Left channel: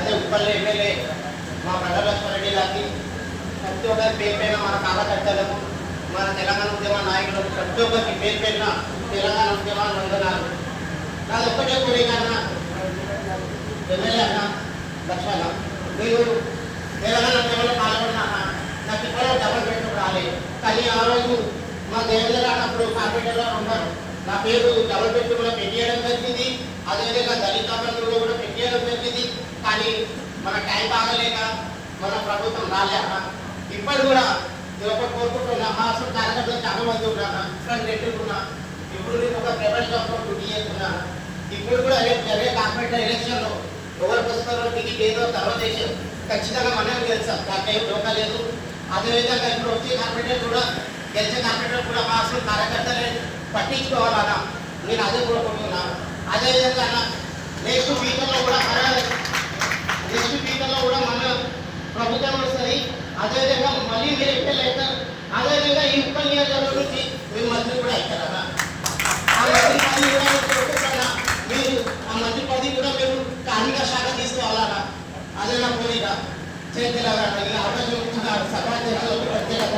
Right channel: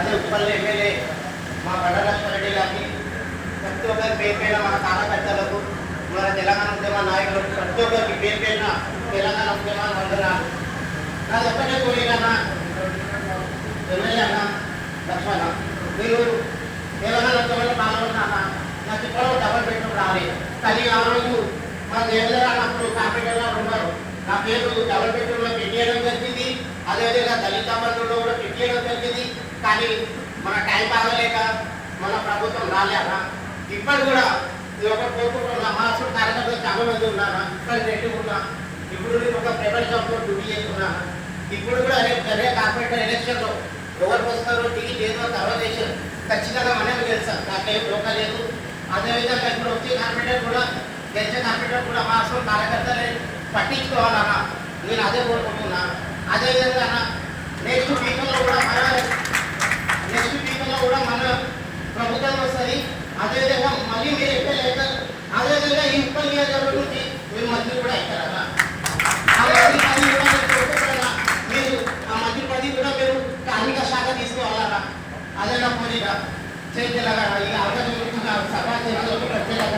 అదే ఉప్పల్ ఎమ్మెల్యే మా బండలక్ష్మణ రెడ్డి గారికి ప్రతి ఒక్కరి పేరు పైన మన కార్యకర్తలకు మన తెలంగాణ ఉద్యమ నాయకులకు ప్రతి ఒక్కరికి పేరు పైన తెలంగాణ ఉద్యమాలు వందనాలు. నాది ఒక్కటే కోరిక ఎమ్మెల్యే అన్న లక్ష్మణ, మీరు తెలంగాణ ఉద్యమంలో పాల్గొన్నా నాకు ఇప్పుడు డబల్ బెడ్రూమ్ రాలేదు. కానీ ఆ రోజు మా దేవేంద్ర అన్నప్పుడు కార్పొరేటర్గా ఉన్నారు, నా పేరు డబల్ బెడ్రూమ్లో పెట్టేయడం జరిగింది. అదేవిధంగా దళిత బంధువులో కూడా పెట్టేయడం జరిగింది. కానీ మన టైం బాగలేక మన ప్రభుత్వం రాలేక ఇప్పుడు కూడా ఒకటి కోరుకుంటున్నా. మా అసలు కార్యకర్తలు చాలా మంది ఉన్నాను, ఇక్కడ పెట్టుకున్నా. ఇప్పుడు నేను ఒక ప్రైవేట్ జాబ్లో డ్యూటీ చేస్తున్నా. ఇప్పుడు కూడా రేపు జరిగే కార్పొరేటర్ ఎలక్షన్లో ఎవరికి వస్తారో టికెట్ ఏదో తర్వాత దేశం ఖచ్చితంగా మనం తెలుసా, నాకేం డోకా లేదు. అదేవిధంగా ఇప్పుడు వచ్చే కార్పొరేటర్ కూడా గెలిచే కార్పొరేటర్ కూడా మా అసలు కార్యకర్తలే పట్టించుకోవాలన్నా నేను అదే కోరుకుంటున్నా. అదేవిధంగా నెక్స్ట్ ఫ్యూచర్లో కూడా మన ప్రభుత్వం వస్తుంది. అదేవిధంగా మళ్ళీ మీరు ఎక్కడ అవుతారు. అదేవిధంగా ఈ ఉప్పల్ నియోజకవర్గం నుంచి మీరు మంత్రి కూడా అవుతారా? ఆ మంత్రి పదవి కూడా మీరు ఆ మంత్రి పదవి కూడా మీరు స్థానిక శాఖ తీసుకోవాలన్నా అదే నా కోరిక. చేతిలాగా ఈ అవకాశం సభా ప్రత్యేకత